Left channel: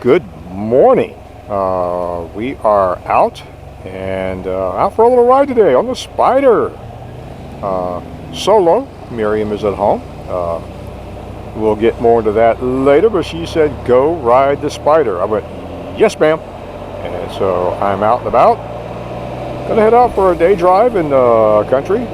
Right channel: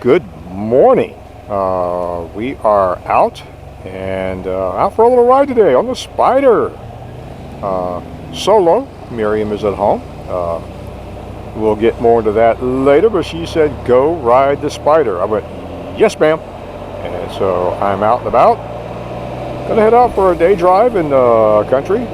Good morning. We are out and out for a little ride today on the Spyder. Solo. Miriam is at home. We'll get more into that later, but she said go ride the Spyder. I went, yes ma'am. And so I'm out and about. Gonna head out for a day drive in the country.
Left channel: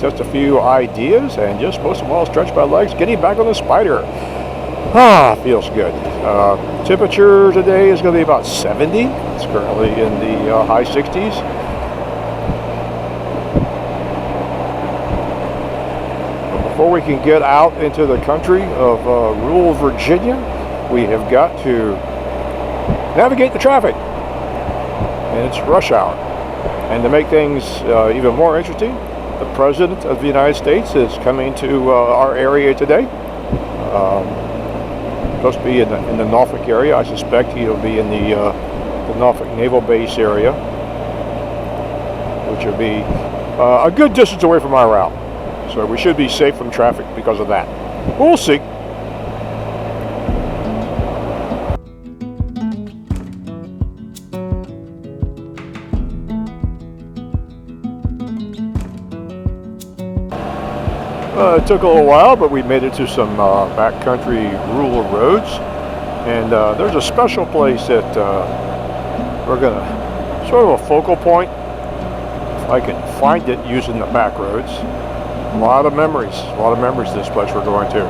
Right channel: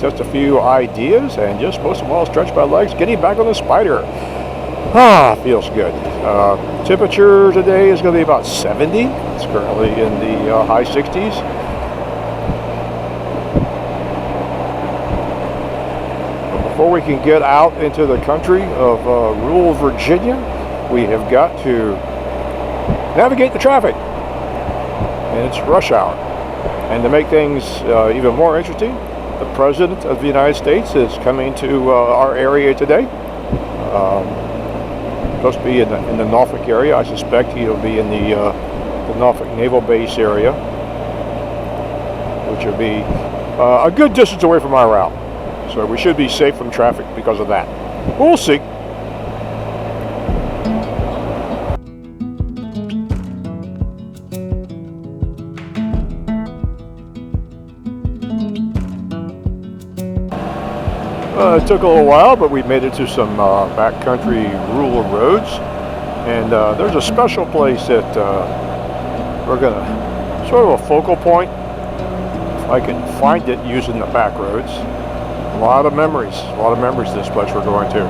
Just a few ideas and just most of all stretch my legs, getting back on the Spyder. Feels good. Temperature today is going to be about 70. It's currently in the high 60s. But before we can get out into the country of rural Virginia, we have got to navigate the traffic. And it's rush hour. And to make things even more interesting, the President of the United States is coming to our area today. Supposed to be in the Norfolk area. I suspect he'll be in the Norfolk Naval Base area, which will be a good distance away from our route. So we should be safe from traffic because of that. We'll see. It took a little while, but we made it to some backcountry rural roads, and there's a special place that we're gonna sort of a focal point, if I can find it using the back roads. A lot of memories this place we're going to.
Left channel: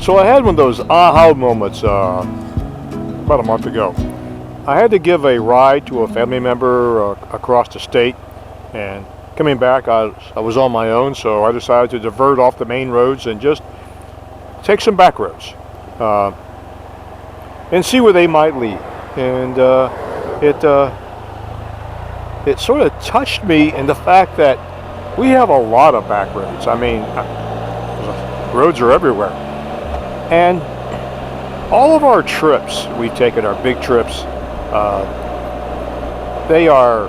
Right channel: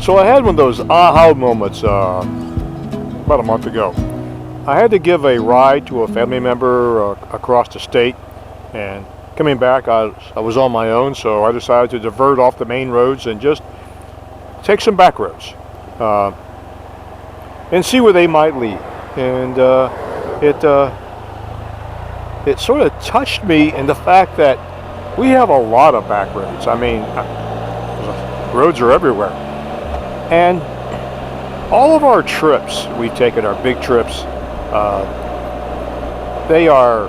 So I had one of those aha moments about a month ago. I had to give a ride to a family member across the state, and coming back I was on my own, so I decided to divert off the main roads and just take some back roads and see where they might lead. And it sort of touched me in the fact that we have a lot of back roads. I mean, roads are everywhere. And all of our trips we've taken, our big trips, they're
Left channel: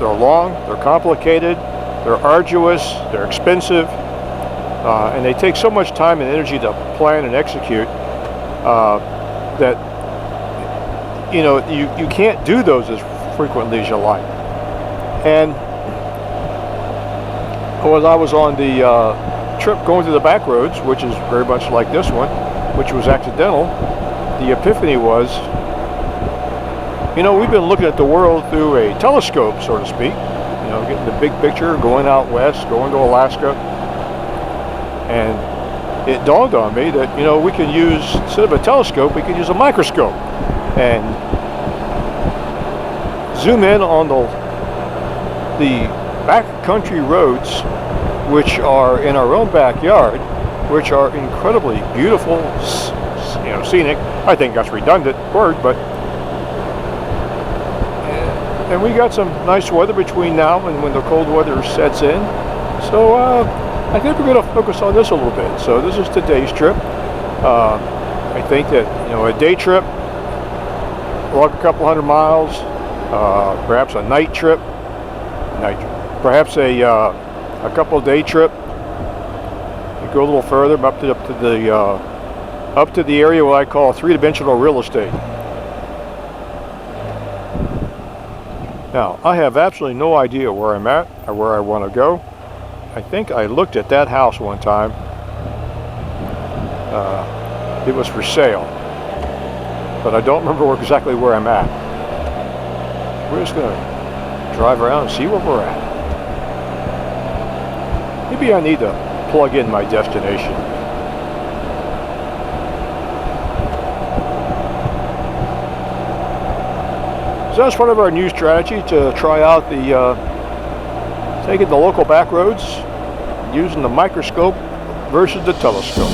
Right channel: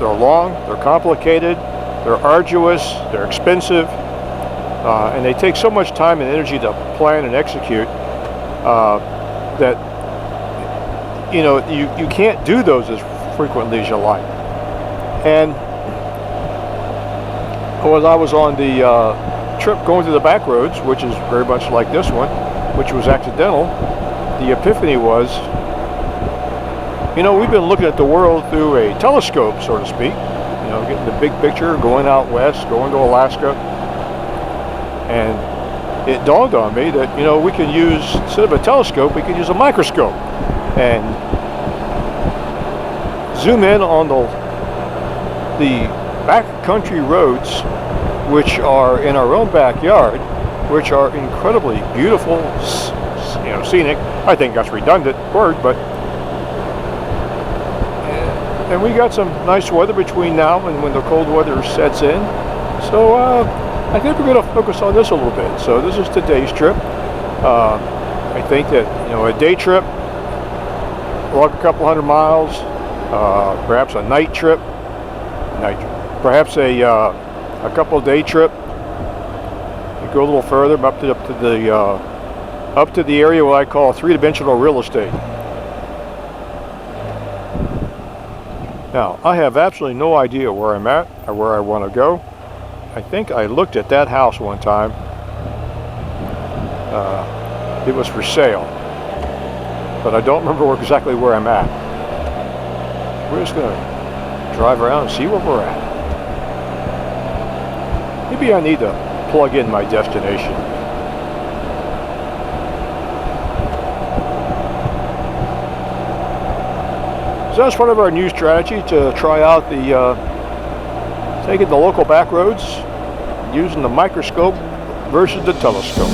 long, they're complicated, they're arduous, they're expensive, and they take so much time and energy to plan and execute that you can't do those as frequently as you like. And when I was on the trip going to the back roads, which is very much like this one, which was accidental, the epiphany was, we've been looking at the world through a telescope, so to speak, getting the big picture, going out west, going to Alaska, and it dawned on me that, we can use, instead of a telescope, we can use a microscope and zoom in on the backcountry roads, which are in our own backyard, which are incredibly beautiful, scenic. I think that's a redundant word, but and we got some nice weather between now and when the cold weather sets in. So I think we're going to focus on this a little bit. So this is today's trip. I think that a day trip, walk a couple hundred miles, perhaps a night trip, perhaps a couple day trip. Go a little further, up to the area what I call three-dimensional real estate. Now, I have absolutely no idea where I'm at or where I want to go. I think I looked at that house one time. It was for sale, but I don't remember exactly where I'm at. We're just going to drive around and see where we're at. Maybe I need to plug in my destination. So that's part of our new strategy to try out taking the local back roads, using the microscope versus the telescope.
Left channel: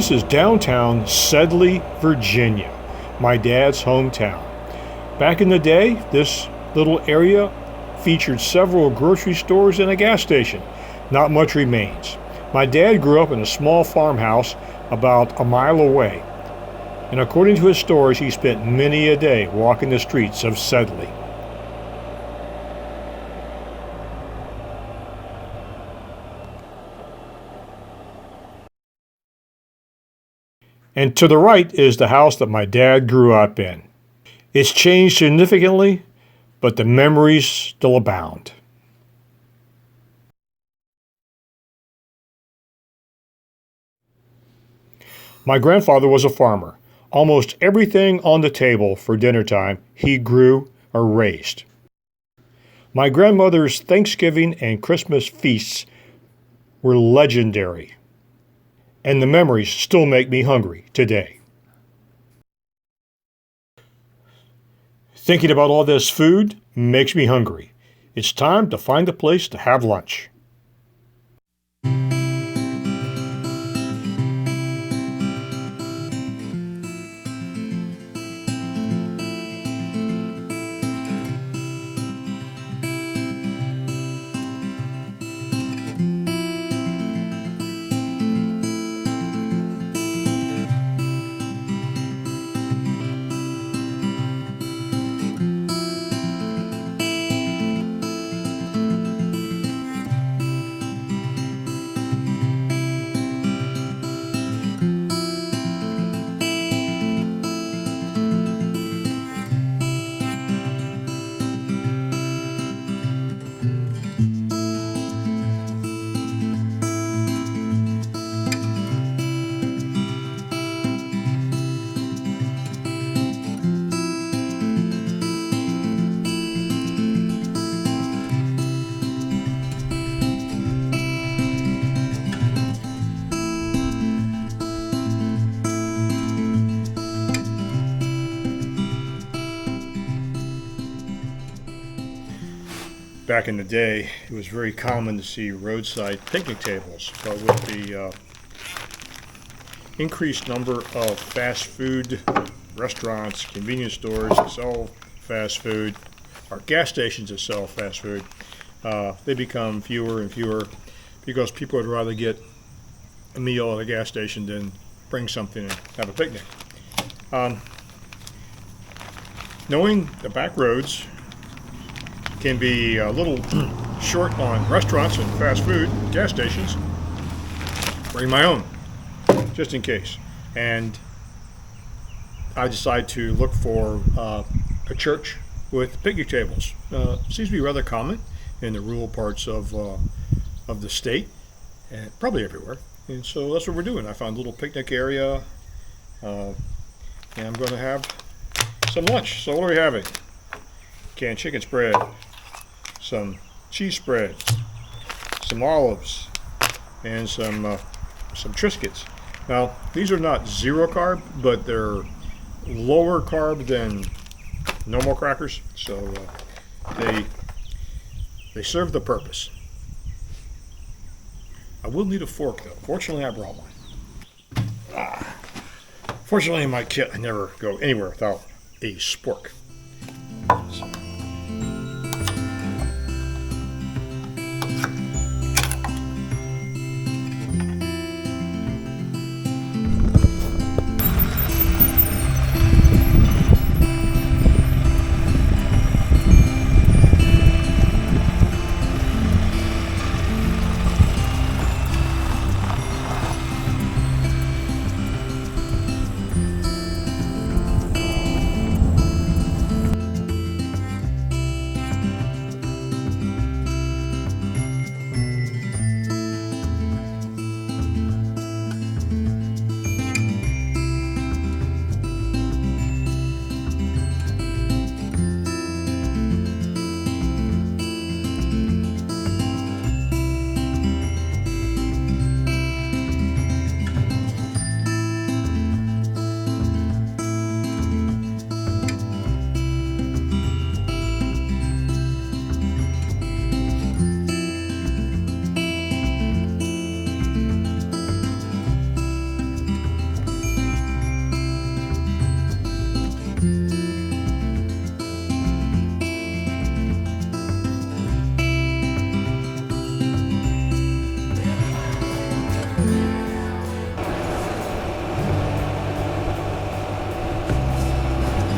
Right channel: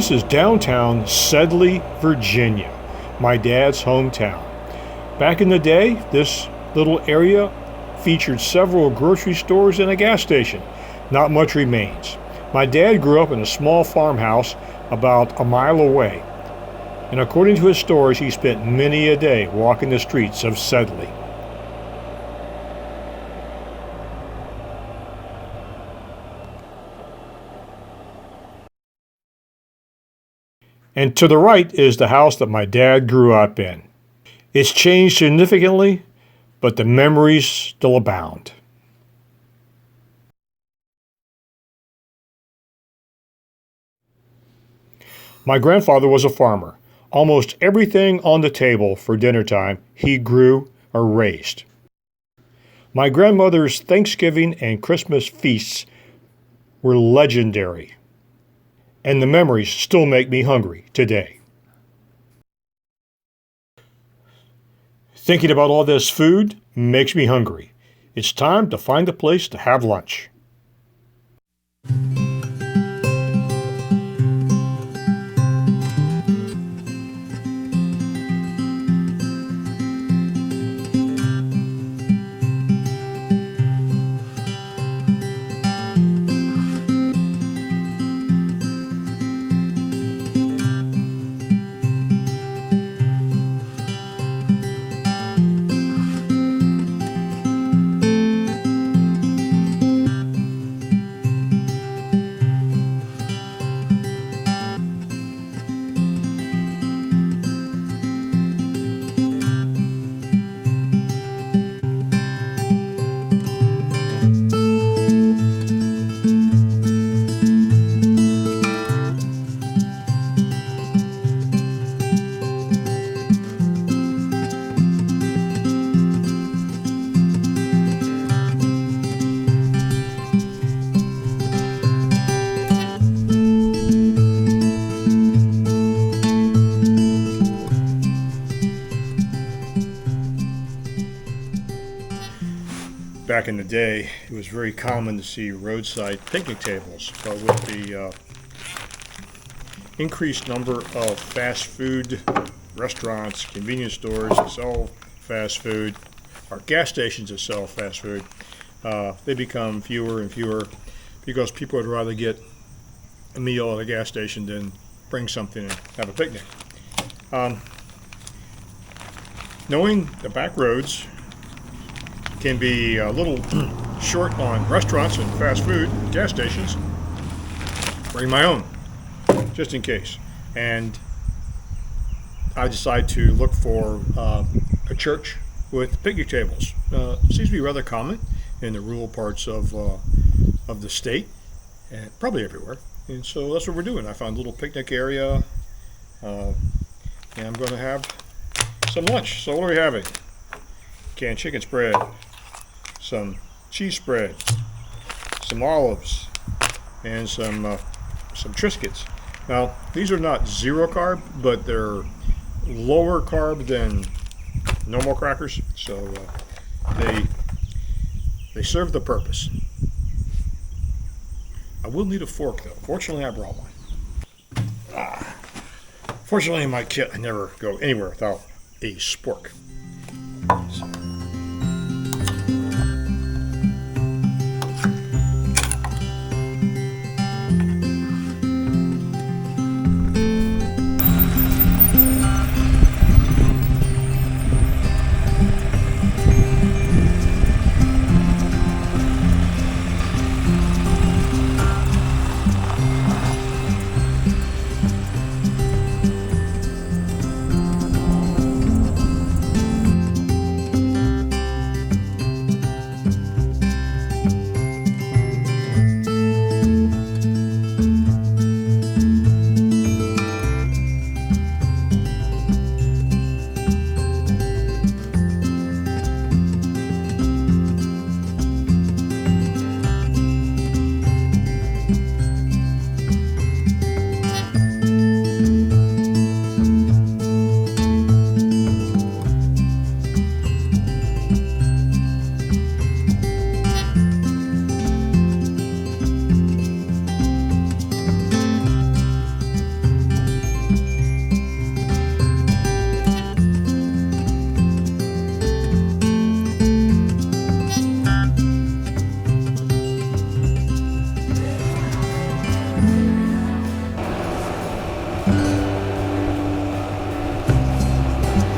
This is downtown Sedley, Virginia, my dad's hometown. Back in the day, this little area featured several grocery stores and a gas station. Not much remains. My dad grew up in a small farmhouse about a mile away, and according to his stories, he spent many a day walking the streets of Sedley. And to the right is the house that my dad grew up in. It's changed significantly, but the memories still abound. My grandfather was a farmer. Almost everything on the table for dinner time he grew or raised. My grandmother's Thanksgiving and Christmas feasts were legendary, and the memories still make me hungry today. Thinking about all this food makes me hungry. It's time to find a place to have lunch. Back in the day, it was very common to see roadside picnic tables, but with the increased number of fast food restaurants, convenience stores that sell fast food, or gas stations that sell fast food, they become fewer and fewer because people would rather get a meal at a gas station than bring something and have a picnic. Knowing the back roads can be a little short on restaurants and fast food, gas stations, bring my own, just in case. And I decide to look for a church with picnic tables. Seems to be rather common in the rural parts of the state, and probably everywhere. And so that's what we're doing. I found a little picnic area, and I'm going to have some lunch. So what are we having? Canned chicken spread, some cheese spread, some olives, and some Triscuits. Now, these are not zero carb, but they're lower carb than normal crackers, so they serve the purpose. I will need a fork, though. Fortunately, I brought one. Fortunately, in my kit, I never go anywhere without a spork. So.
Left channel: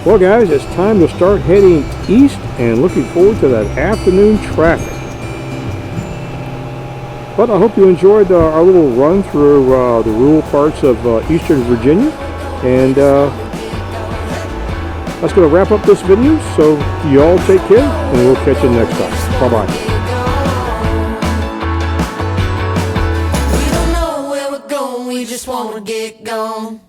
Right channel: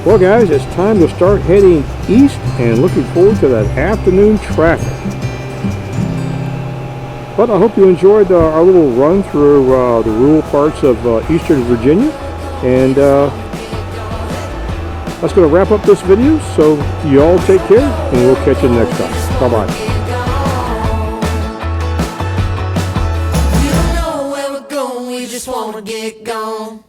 Well guys, it's time to start heading east and looking forward to that afternoon traffic. But I hope you enjoyed our little run through the rural parts of Eastern Virginia. And that's going to wrap up this video. So you all take care, and we'll catch you next time. Bye-bye. We don't know where we're going, we just wanna get gone.